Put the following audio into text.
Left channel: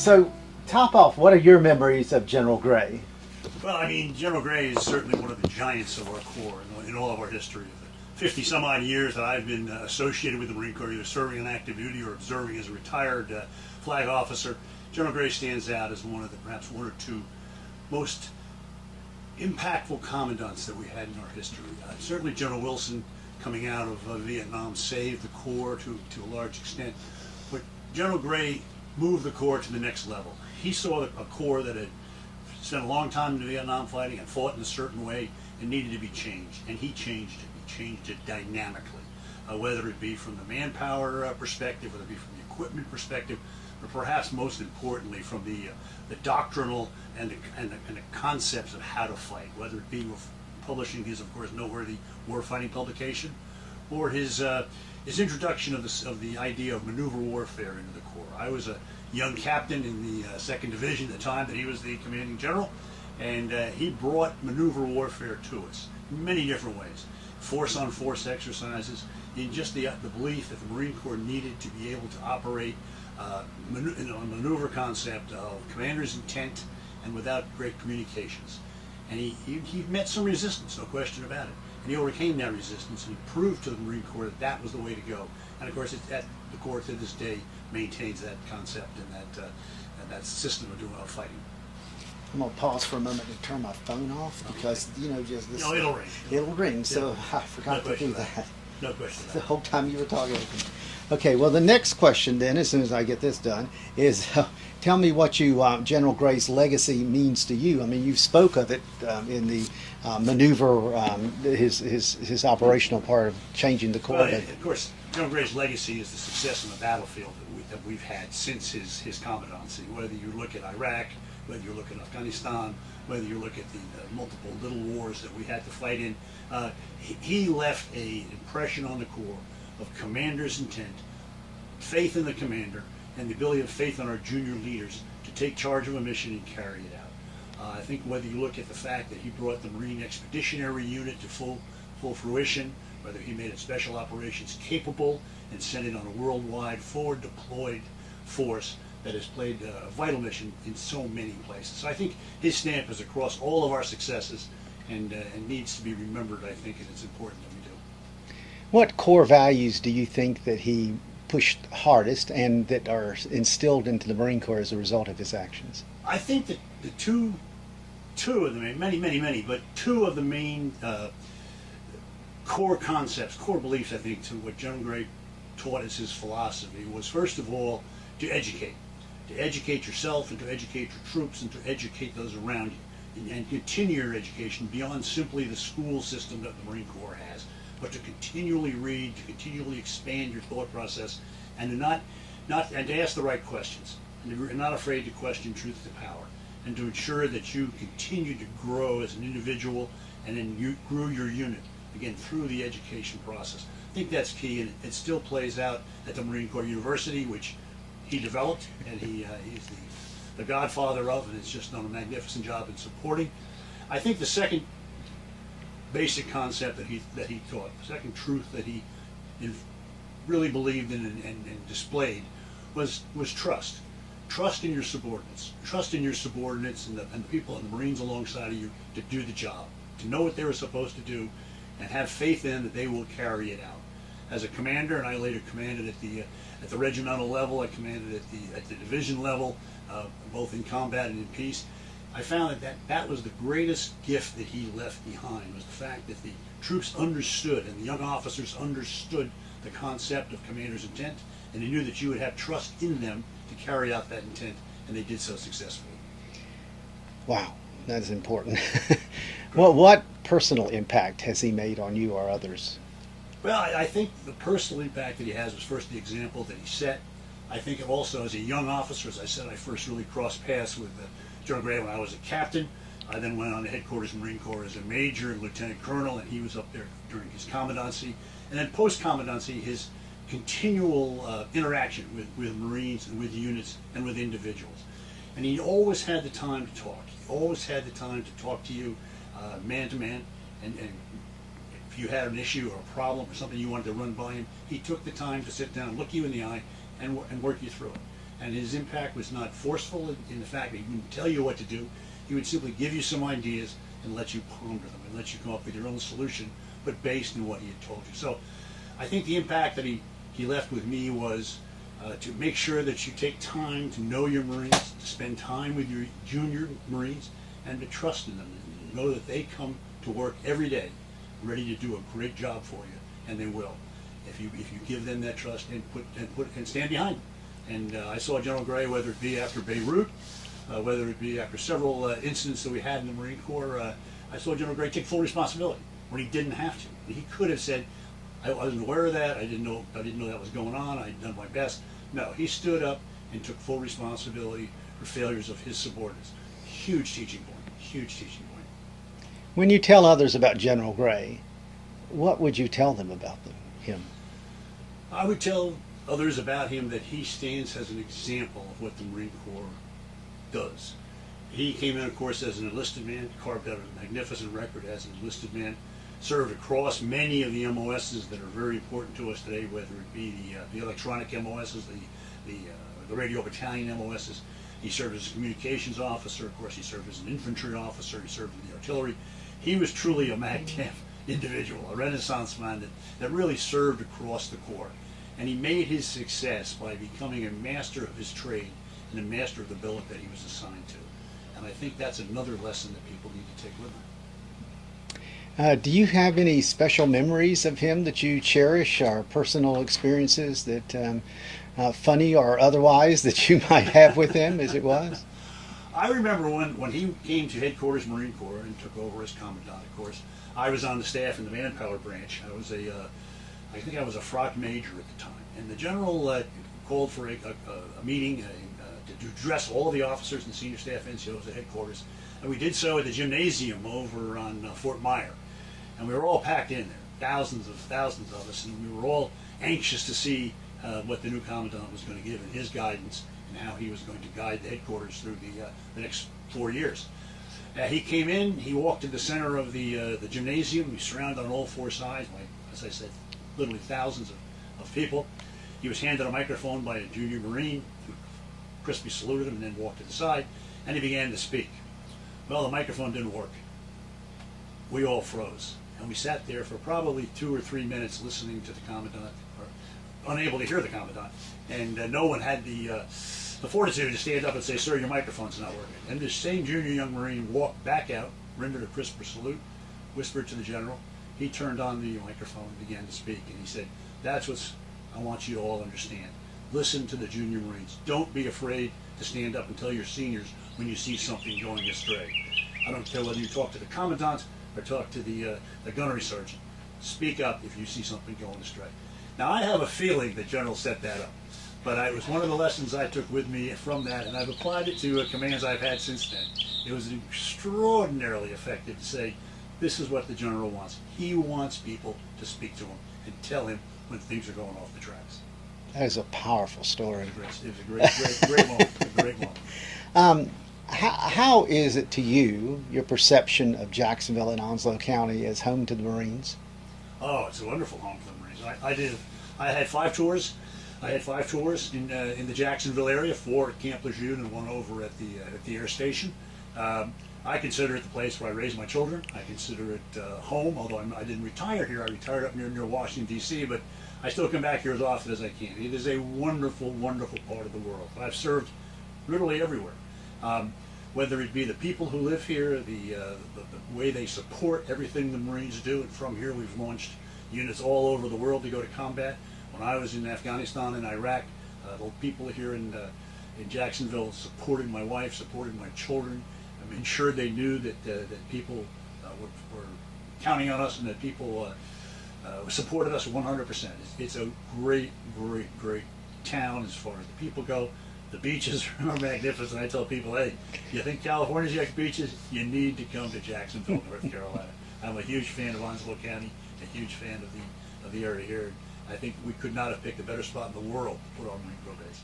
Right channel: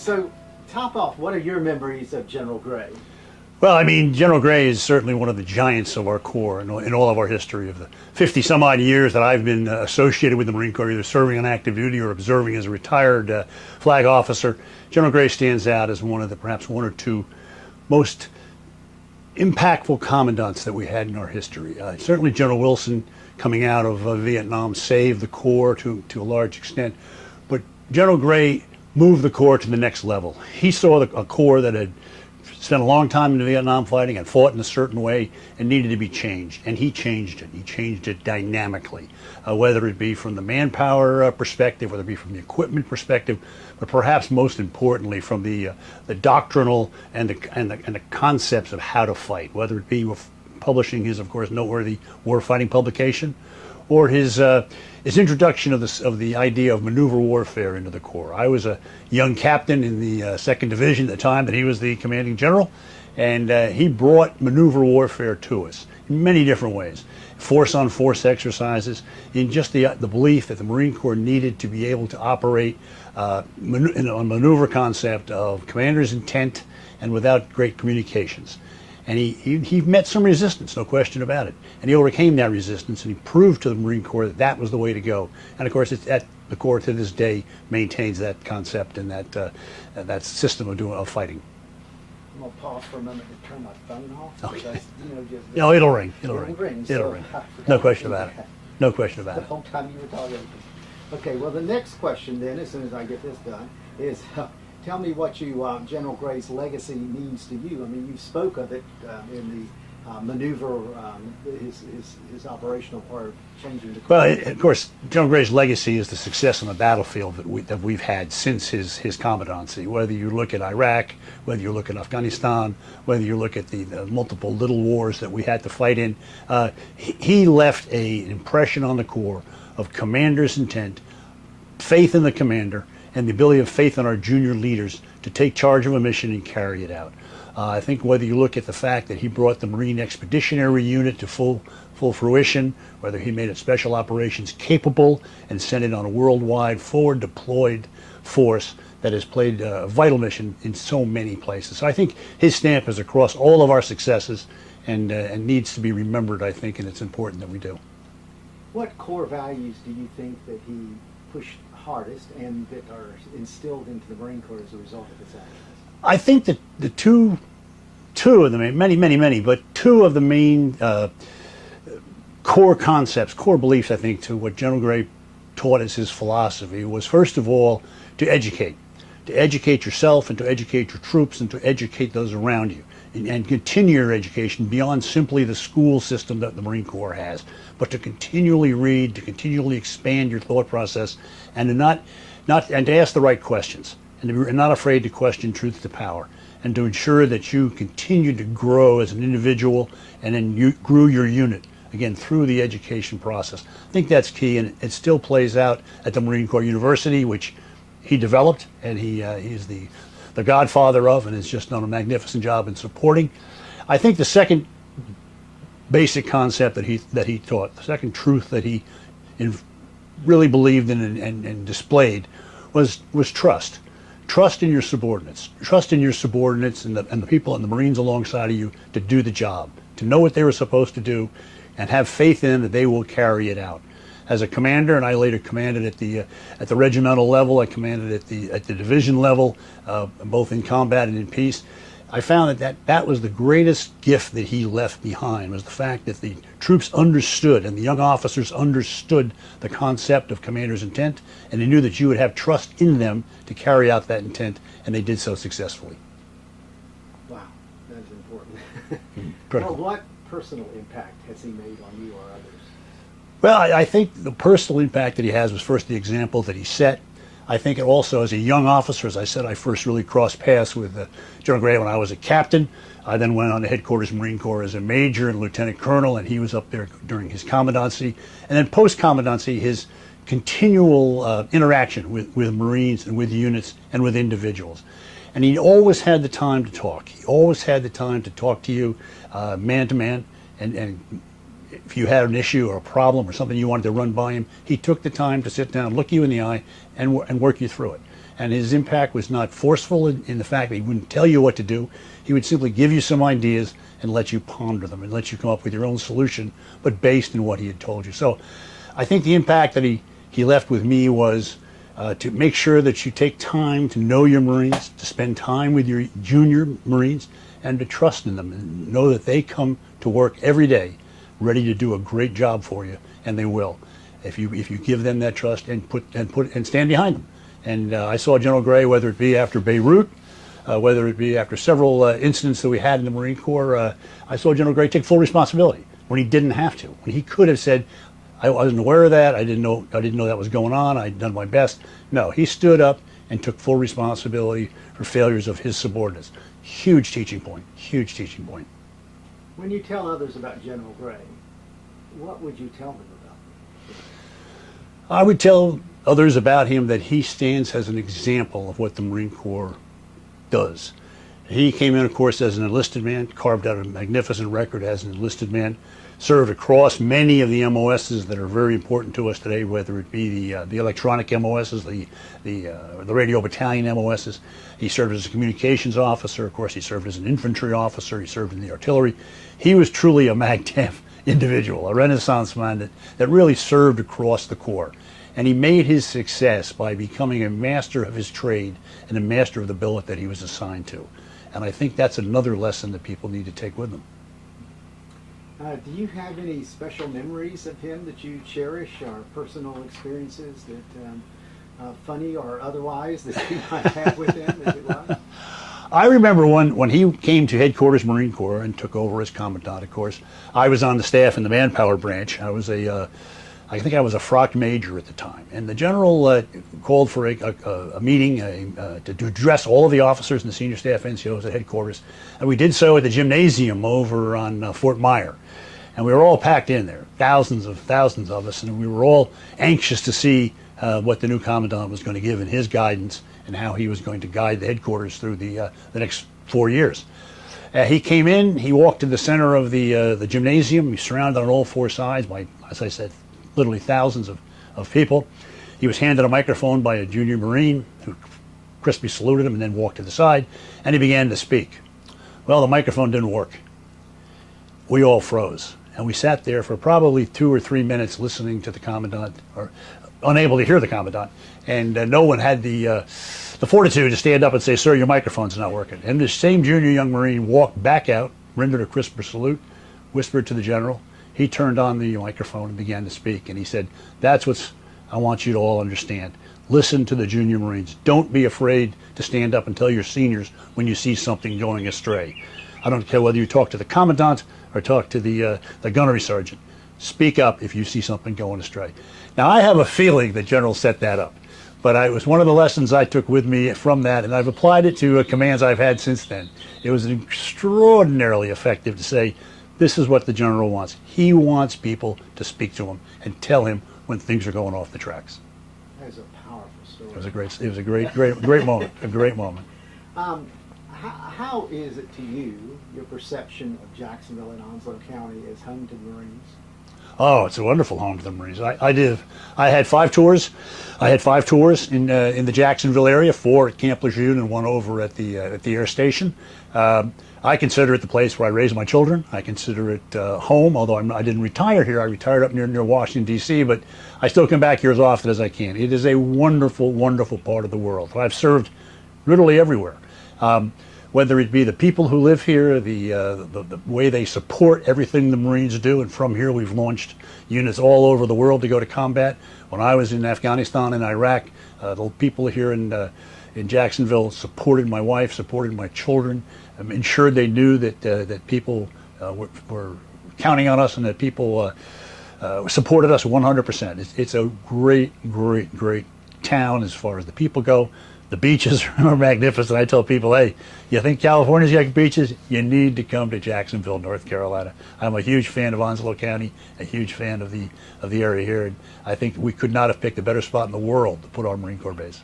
So, top off, what are your memories of General Gray? Well, I mean, General Gray is certainly one of the giants of our Corps in all of our history. Of the 50 some odd years that I've been associated with the Marine Corps, either serving on active duty or observing as a retired flag officer, General Gray stands out as one of the perhaps one or two most impactful commandants that we had in our history. Certainly General Wilson, coming out of Vietnam, saved the Corps to a large extent, but General Gray moved the Corps to the next level. He saw a Corps that had spent a long time in the Vietnam fighting and fought in a certain way and needed to be changed, and he changed it. He changed it dynamically, whether it be from the manpower perspective, whether it be from the equipment perspective, but perhaps most importantly from the doctrinal and the concepts of how to fight, whether it be publishing his, of course, noteworthy war-fighting publication, or his introduction of the idea of maneuver warfare into the Corps. I was a young captain in the 2nd Division at the time that he was the commanding general, and he brought maneuver warfare to us in many different ways. Force-on-force exercises, in just the belief that the Marine Corps needed to be able to operate in a maneuver concept of commander's intent and without great communications. And he met some resistance, no question about it. And he overcame that resistance, and he proved to the Marine Corps that that was the way to go. And of course, the Corps to this day maintains that concept and that system of fighting. I'm gonna pause for a moment to turn my phone off because just this, No, it'll ring. It'll ring. So It'll ring. I forgot No to question do about it. that. No question about The it. whole time you were talking. Okay, well, the next question then, as soon as I get this done, is tell me what General Gray's legacy means to you. I mean, you spoke of it in the maneuver, his operational part of changing the Corps. Well, of course, General Gray's legacy is the success on the battlefield that we've had since his commandancy. Whether you look at Iraq, whether you look at Afghanistan, whether you look at the multiple little wars that we had to fight in, he left an impression on the Corps of commander's intent, faith in the commander, and the ability of faith in our junior leaders to take charge of a mission and carry it out. I think whether you look at the fact that he brought the Marine Expeditionary Unit to full fruition, whether he made it special operations capable and sent it on a worldwide forward deployed force that has played a vital mission in so many places. So I think his stamp is across all of our successes and needs to be remembered, I think, and it's important that we do. What core values do you think that he pushed hardest and that are instilled into the Marine Corps as a result of his actions? I think that the two of the main, many, but two of the main core concepts, core beliefs, I think, to what General Gray taught as his philosophy was, first of all, to educate yourself and to educate your troops and to educate those around you, and continue your education beyond simply the school system that the Marine Corps has, but to continually read, to continually expand your thought process, and to ask the right questions, and to be not afraid to question truth to power, and to ensure that you continue to grow as an individual, and then you grew your unit again through the education process. I think that's key, and it still plays out at the Marine Corps University, which he developed, and he's the godfather of, and has just done a magnificent job in supporting. I think the second basic concept that he taught, the second truth that he really believed in and displayed was trust. Trust in your subordinates. Trust in your subordinates and the people and the Marines alongside of you to do the job, to know what they were supposed to do, and have faith in that they will carry it out. As a commander, and I later commanded at the regimental level, I commanded at the division level, both in combat and in peace. I found that was the greatest gift that he left behind, was the fact that the troops understood and the young officers understood the concept of commander's intent, and they knew that you would have trust in them to carry out that intent, and they did so successfully. Wow, that's important. Well, what personal impact has he made on you or others? Well, I think the personal impact that he has was first the example that he set. I think it also, as a young officer, as I said, I first really crossed paths with General Gray when I was a captain. I then went on to headquarters Marine Corps as a major and lieutenant colonel, and he was up there during his commandancy. And then post-commandancy, his continual interaction with Marines and with units and with individuals. And he always had the time to talk. He always had the time to talk to you man to man, and if you had an issue or a problem or something you wanted to run by him, he took the time to sit down, look you in the eye, and work you through it. And his impact was not forceful in the fact that he wouldn't tell you what to do. He would simply give you some ideas and let you ponder them and let you come up with your own solution, but based in what he had told you. So I think the impact that he left with me was to make sure that you take time to know your Marines, to spend time with your junior Marines, and to trust in them and know that they come to work every day ready to do a great job for you, and they will if you give them that trust and stand behind them. And I saw General Gray, whether it be after Beirut, whether it be after several incidents that we had in the Marine Corps, I saw General Gray take full responsibility when he didn't have to. When he could have said, I wasn't aware of that, I didn't know that was going on, I'd done my best. No, he stood up and took full responsibility for failures of his subordinates. Huge teaching point, huge teaching point. When you tell others about General Gray, what would you tell them about him? I would tell others about him that he stands as an example of what the Marine Corps does. He came in, of course, as an enlisted man, carved out a magnificent record as an enlisted man, served across many of the MOSs that are very important to us today, whether it be the electronic MOSs, the radio battalion MOSs. He served as a communications officer. Of course, he served as an infantry officer. He served in the artillery. He was truly a MAGTF individual, a Renaissance man that really served across the Corps. And he made his success by becoming a master of his trade and a master of the billet that he was assigned to. And I think that's another lesson that people need to take with them. Do you have any special memories of him that you cherish, or personal experiences that, funny or otherwise, that you might have with him as it was? I remember when he came to headquarters Marine Corps and took over as commandant, of course. I was on the staff in the manpower branch. I think I was a frock major at the time. And the general called for a meeting to address all of the officers and the senior staff NCOs at headquarters. And we did so at the gymnasium over on Fort Myer. And we were all packed in there, thousands of us, and we were all anxious to see what the new commandant was going to give in his guidance and how he was going to guide the headquarters through the next 4 years. He came in, he walked to the center of the gymnasium. He was surrounded on all four sides by, as I said, literally thousands of people. He was handed a microphone by a junior Marine who crisply saluted him and then walked to the side, and he began to speak. Well, the microphone didn't work. We all froze, and we sat there for probably 2 or 3 minutes listening to the commandant, or unable to hear the commandant, and no one had the fortitude to stand up and say, "Sir, your microphone's not working." And the same junior young Marine walked back out, rendered a crisper salute, whispered to the general. He turned on the microphone and began to speak, and he said, "That's what I want you to all understand. Listen to the junior Marines. Don't be afraid to stand up and tell your seniors when you see something going astray. I don't care whether you talk to the commandant or talk to the gunnery sergeant. Speak up if you see something going astray." Now, I have a feeling that General set that up, but it was one of the lessons I took with me from that, and I've applied it to commands I've had since then. It was extraordinarily effective to say, this is what the General wants. He wants people to speak to him and tell him when things are going off the tracks. That is a powerful story. It was a great moment, a great moment. How is it to you, your perception of Jacksonville and Onslow County as home to the Marines? Oh, it's a wonderful home to the Marines. I had 5 tours. I had 5 tours in the Jacksonville area, 4 at Camp Lejeune and 1 over at the air station. I consider it the place where I raised my children. I consider it home, although I didn't retire here. I retired up near Washington, D.C., but I still come back here as often as I can. It is a wonderful, wonderful part of the world. I've served literally everywhere. Whether it be the people who live here, the way they support everything the Marines do, and from here we've launched units all over the world to go to combat. When I was in Afghanistan and Iraq, the people here in Jacksonville supported my wife, supported my children, ensured they knew that people were counting on us and that people supported us 100%. It's a great, great, great town as far as the people go. The beaches are magnificent. I tell people, hey, you think California's got beaches? You need to come to Jacksonville, North Carolina. I'm a huge fan of Onslow County, a huge fan of the area here. And I think we could not have picked a better spot in the world to put our Marine Corps base.